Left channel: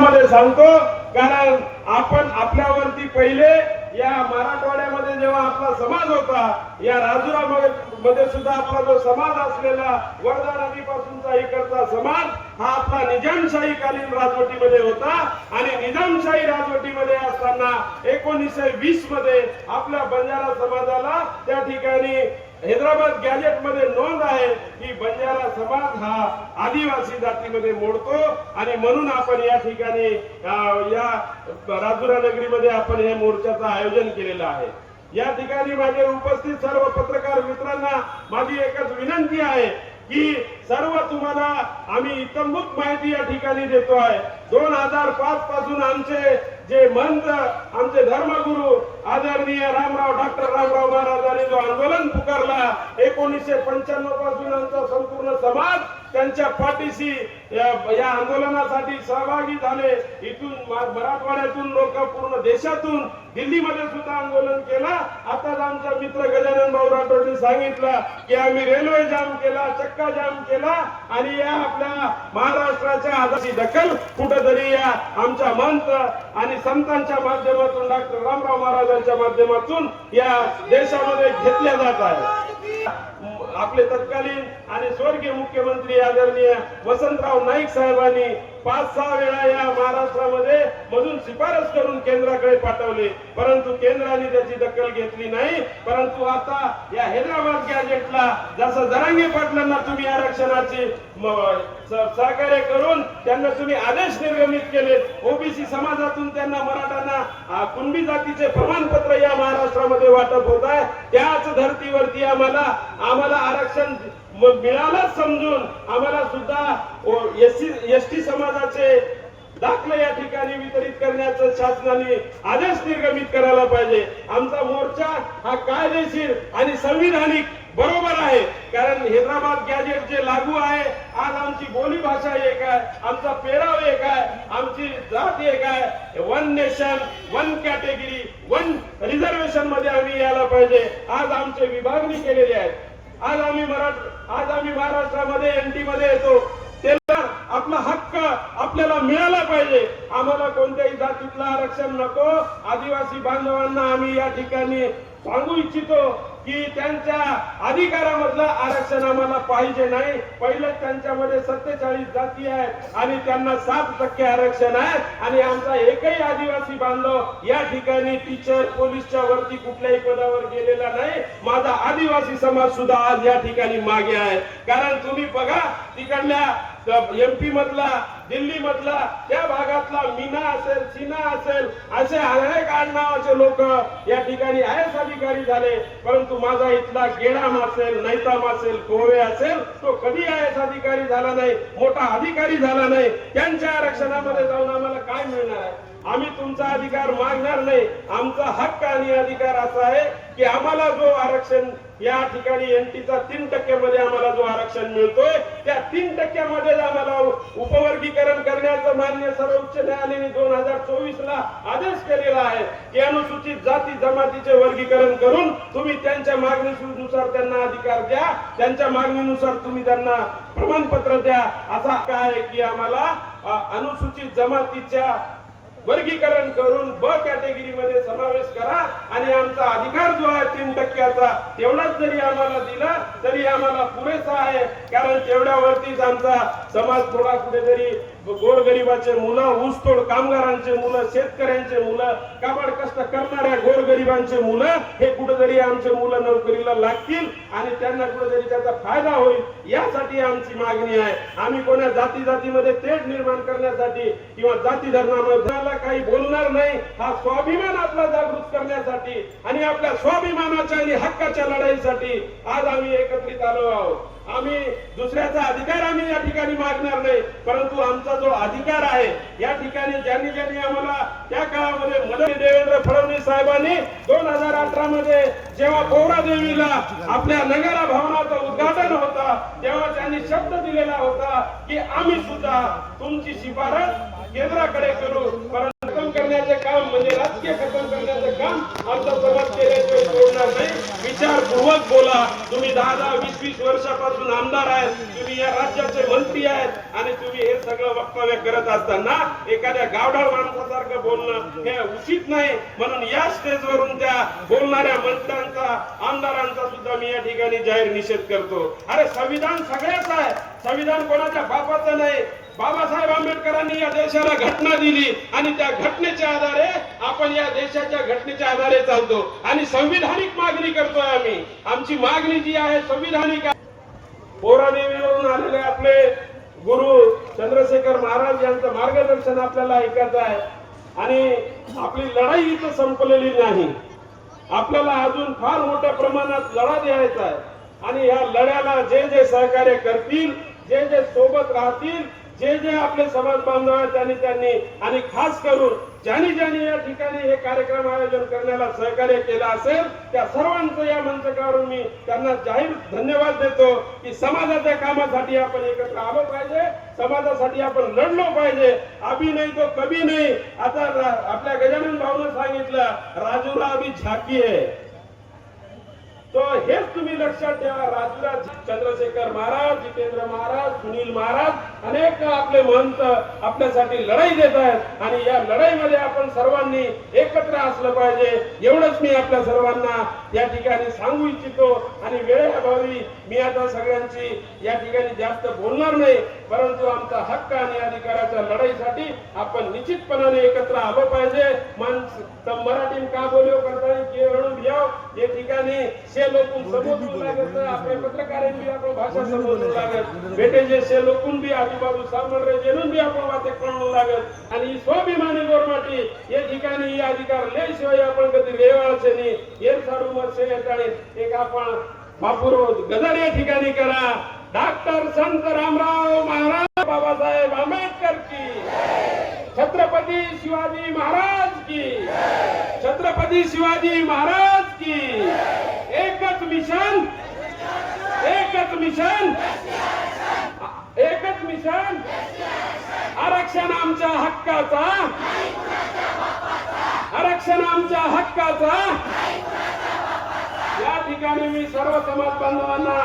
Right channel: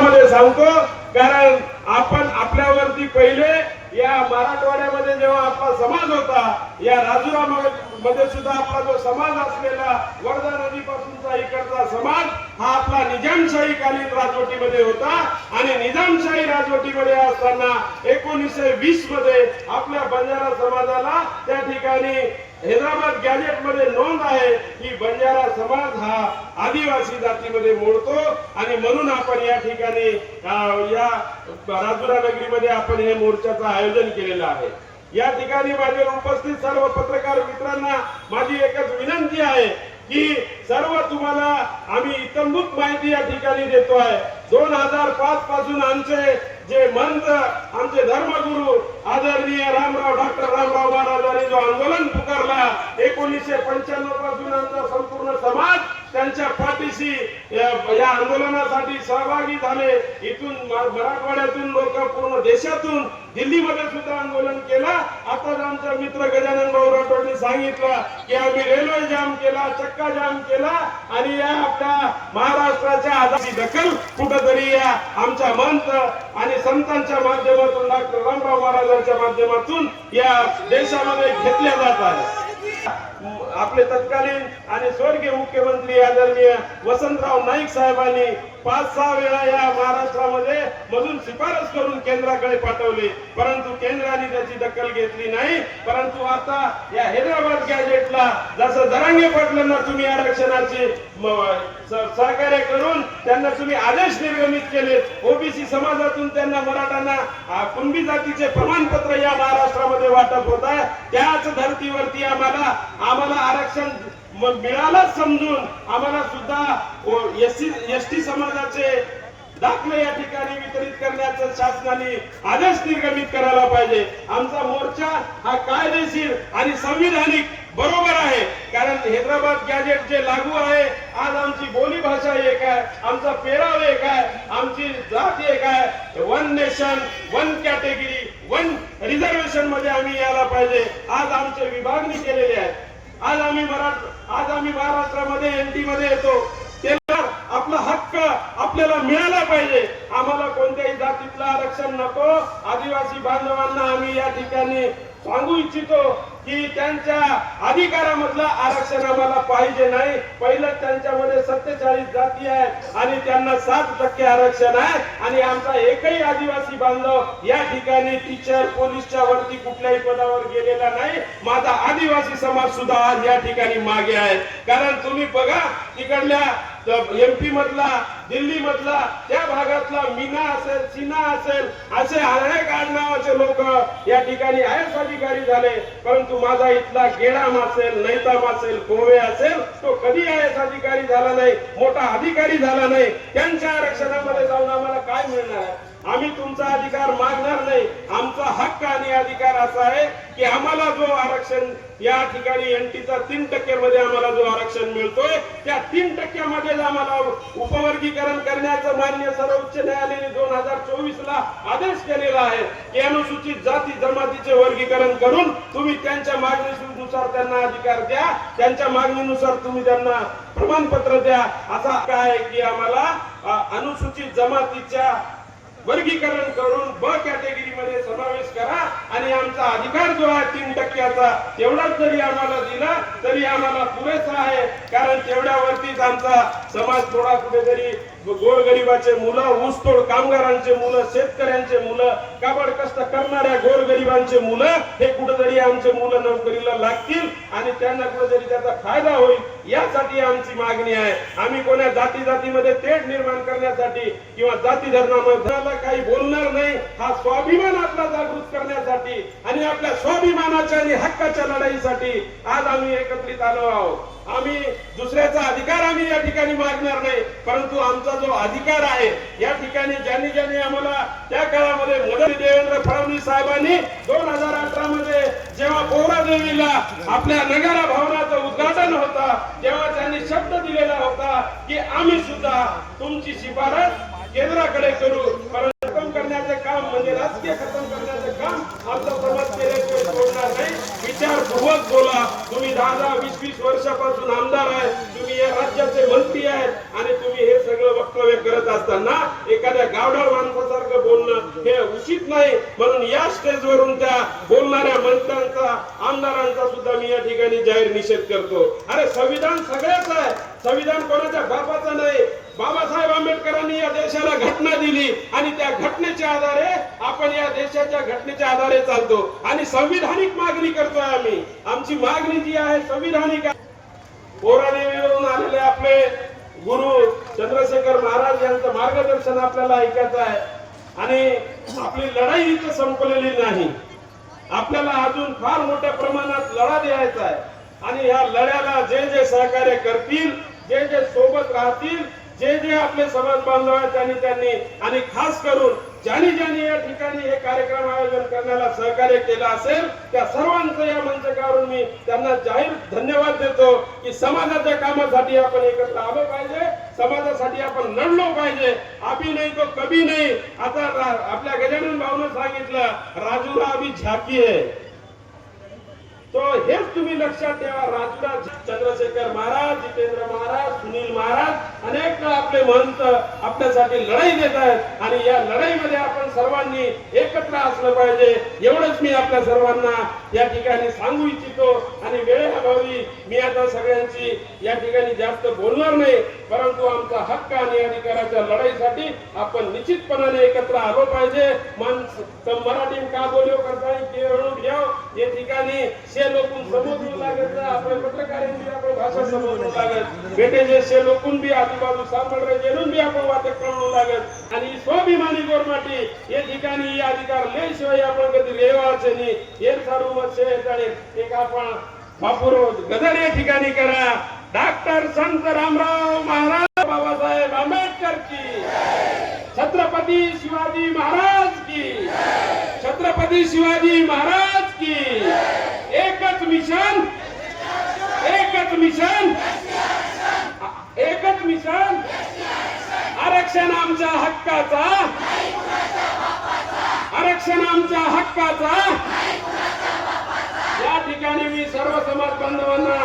शब्दामध्ये सांगतो, कारण आपण आपल्यावरती पहिले या मराठवाड्यामध्ये जेव्हा आपला समाज होता, या राजुरा मध्ये सुद्धा आपला जो समाज असलेला वर्धा नदीपासूनचा इकडचा समाज हा आपला निजामशाही कालीन राजवटीमध्ये होता आणि निजामशाही राजवटीमध्ये असताना 1920 मध्ये आपल्या बंजारा समाजाला त्या ठिकाणी हैदराबाद गॅजेट मध्ये नोंद आहे की बंजारा समाज हा आदिवासी जातीमध्ये मोडतो आणि म्हणून आपण या ठिकाणी या राजुरा नगरीमध्ये आपण हे मोर्चाचं आयोजन केलेलं आहे। या ठिकाणी माझे उपस्थित सर्व पत्रकार मित्रांना माझी एकच विनंती आहे की सर्व तुम्हाला आम्ही इतंभूत माहिती या ठिकाणी देतो आहे। 2005 पासून आमचे जे मंत आमचे धर्मगुरु आदरणीय डॉक्टर रामराव महाराजांनी जो आंदोलन पुकारला 1995 पासून आमचा संपूर्ण समाज त्यांच्या पाठीशी या आंदोलनासाठी सहभागी झाले। इथून मराठवाड्यातून लोक पूर्ण देशातून दिल्लीमध्ये सुद्धा आंदोलन केला। आता आमचा मित्र गजानन भाऊ राठोडनी सांगितलं की आम्ही रेल्वे जाम केला, चक्का जाम केला आणि या आपल्या महाराष्ट्राच्या आजादी दखल कुठेतरी या आमच्या मंत आणि संतांच्या माध्यमातून डॉक्टर रामराव महाराजांच्या माध्यमातून या देशामध्ये घेतल्या जात आहे। आपले तत्कालीन आणि स्वर्गीय मुख्यमंत्री आदरणीय वसंतराव नाईक साहेबांनी 5-6 वेळा या महाराष्ट्रामध्ये मधून शिफारस करून केंद्राकडे पाठवले, परंतु केंद्राने त्याची दखल घेतली नाही। परंतु आता या हैदराबाद गॅजेटला जसं जरांगे पाटलांना तुम्ही आरक्षणाचे सहकार्य करून त्यांना तुम्ही आदेश निर्गमित केले, ओबीसी समाजातून त्यांना मराठ्यांना कुणबी जातीचे प्रमाणपत्र या महाराष्ट्रामध्ये वाटप होत आहे, त्याच धर्तीवरती आम्हाला आरक्षण मिळालंच समजून आम्हाला सुद्धा एसटी समाजाचे दाखले या ठिकाणी वितरित करण्याचा शासनाने आदेश निर्गमित करायला पाहिजे। आमचा मोर्चा हा कायदेशीर आणि संविधानिक बरोबर आहे, कारण हैदराबाद गॅजेट जे लागू आहे, आज आमची बोली भाषा एक आहे, आमचा पेराव एक आहे, आमची जात एक आहे। 1 नेशन 1 कॅटेगरी 1 रिझर्वेशन मध्ये आम्ही यायला पाहिजे। आज आमचे विभागणी केलेली आहे। आज आम्ही महाराष्ट्रामध्ये एनटी मध्ये येतो, त्याला आपला हक्क आपल्याला मिळाला पाहिजे। आम्हाला कोणत्याही जातीतलं आरक्षण नको। आदिवासी बांधवांना आम्ही या ठिकाणी सांगू इच्छितो की त्यांच्या अधिकारामधलं आरक्षण आम्हाला पाहिजे नाही। पहिलं त्यांच्यामध्ये 47 जाती आहे आणि त्यांना 7% आरक्षण आहे आणि आमचा एकही आदिवासी बांधव या ठिकाणी टीचर पोलीसच्या वरती कुठल्याही पदावर गेलेला नाही। माझा आदिवासी समाज सुद्धा आज या ठिकाणी मागे आहे, कारण तुम्ही बघा तिकडल्या एमपी मधला दिल्ली मधला त्या भागातला मीना असेल सिन्हा असेल असे अनेक आडनावाचे लोक या ठिकाणी आयएस अधिकारी झाले, परंतु माझा इथला गेडाम असेल नैताम असेल कोवे असेल तो कधी आयएस अधिकारी झाला नाही, मोठा अधिकारी झाला नाही। त्यांच्या आरक्षणामध्ये जाऊन आम्हाला काय मिळणार आहे? आम्ही तुमचा अधिकार मागणार नाही। आमचा हक्क आणि अधिकार असा आहे की आम्हाला जो आरक्षण या ठिकाणी एनटीचा 3% मध्ये आम्हाला जो आरक्षण मिळतोय त्या 3% मध्ये आम्हाला उपवर्गीकरण करण्याचं मान्य सर्वोच्च न्यायालयाने 2024 ला आदेश केलेला आहे की अनुसूचित जाती जमातीचे वर्गीकरण करून तुम्ही त्यांच्या मागणीनुसार त्यांना अधिकार द्या, त्यांच्या मागणीनुसार तुम्ही त्यांना प्रमाणपत्र द्या। असा काय की आम्हाला अनुसूचित जमातीच्या वर्गीकरण करून ब कॅटेगरी मध्ये समावेश करा आणि आमचा अधिकार जो आहे 3%चा तेवढाच जरी आम्हाला दिला तरी आम्हाला पुरेसा आहे, कारण तेवढ्यावरतीच आमचा समाज थोडा कुठेतरी गोरगरिबाचे मुलं, ऊसतोड कामगारांचे मुलं, शेतकऱ्यांचे मुलं, काबाड कष्ट करणाऱ्या गोरगरिबांचे मुलं हे कुठेतरी आमचे मुलं नोकरीला लागतील आणि त्यांना कुठेतरी त्याचा फायदा होईल यासाठी आमची मागणी आहे। आम्ही कोणा जातीमध्ये तेढ निर्माण करण्यासाठी किंवा जाती धर्मामध्ये काही बोलणार नाही। हा स्वाभिमान आपला जागृत करण्यासाठी आणि आपल्या स्वाभिमानाच्या आणि हक्काच्या लढाईसाठी आज आम्ही एकत्रित आलो आहोत। आम्ही दुसऱ्याचा अधिकार आम्ही या ठिकाणी मागणार नाही, परंतु आमचा जो अधिकार आहे या ठिकाणी ज्यांनी आम्हाला त्या काळामध्ये मदत देवेंद्र फडणवीस साहेबांनी 2018 मध्ये जेव्हा पौरादेवीला आपल्या नगरा भवनाचं उद्घाटन होता तेव्हा त्यांनी शब्द दिलेला होता की आम्ही सुद्धा तुमची शिफारस केंद्राकडे करू, परंतु खतम करण्याचे काम म्हणजे राजकीय खतम करण्याचे काम आमचा समाज केल्याशिवाय सोडणार नाही। विचारपूर्वक बोला। तुम्ही 10-20 वर्षापासून आमदार आहेत, तुम्ही या राज्याचे मंत्री आहेत आणि तुम्ही हे सगळं वक्तव्य करत असताना एखाद्या गावढळ माणसासारखं बोलणं हे उचित नाही. म्हणून या स्टेजवरून त्या बोलणाऱ्या मंत्र्यांचा, आमदारांचा सुद्धा मी या ठिकाणी जाहीर निषेध करतो. अरे संविधान सगळ्याच आहे, संविधान कोणाच्या बापाचं नाही. बाबासाहेब आंबेडकरांनी या देशाला घटना दिली आणि त्या घटनेच्या आधारे आपण या देशाच्या घटनेच्या आधारे चालतो आणि संविधानिक मागणी करतोय आम्ही. आमची मागणी जी आहे संविधानिक आहे. पोरादेवीवरून आलेले आपले गुरु चंद्रशेखर महाराज यांचं मार्गदर्शन आपल्याला ऐकायचं आहे आणि आपली लढाई इथं संपलेली नाही. आपल्याला अजून फार मोठ्या प्रमाणात लढा द्यायचा आहे आणि या लढ्याला जे जे सहकार्य करतील, जे जे सोबत राहतील, जे जे आपले समाज बांधव आहेत त्यांनी आणि खास करून ज्यांनी ज्यांनी या ठिकाणी हे कार्यक्रम आयोजन करण्याला सहकार्य केलं असेल त्या सर्वांचं या मंचावरून मी त्यांना जाहीर धन्यवाद देतो की समाजाच्या कामासाठी आपण एकत्र आलो पाहिजे, समाजासाठी आपण लढलो पाहिजे. अभी नाही तो कभी नाही. आता आपल्या गजानन भाऊनं सांगितलं राजूला अभी झाकी आहे. तो हेच तुम्ही लक्षात ठेवा. राजूला चंद्रशेखर महाराज, जितेंद्र महाराज, सुनील महाराज अनेक आपले महंत आपल्यासाठी लढाई देत आहेत आणि या लढाईमध्ये आपण सर्वांनी एकत्र असलं पाहिजे. एवढंच मी आपल्या सर्वांना या ठिकाणी सांगू इच्छितो आणि वेळेअभावी मी आता सगळ्यांची या ठिकाणी जास्त बोलणार नाही, परंतु आमचा हक्क आणि अधिकाराच्या लढाईसाठी आपण निश्चितपणाने एकत्र आलो पाहिजे. मराठी का बोलियो करता ते म्हणून घ्या या ठिकाणी से लोकून समजू लागत, आपल्या पत्रकारांनी आपण भाषा समजू लागत, बेटे जे से लोकून बी आजूबाजू सांभाळ रहे जेणून बी आपण वाटे कळू लागत आणि स्वाभिमानी गोरमाटी या ठिकाणी या अधिकार लेशिवाय आपण कधी रेवाचे नाही. हे सर्व एक आपण बापूर गदर या ठिकाणी करा. डॉक्टर संत रामराव महाराज बाबासाहेब आंबेडकर की, छत्रपती शिवाजी महाराज की, छत्रपती शिवाजी महाराज की. एकच मिशन, एकच मिशन, एकच मिशन. आरक्षण आमच्या हक्काचा, आरक्षण आमच्या हक्काचा. या ठिकाणी मी सर्व समाज बांधवांना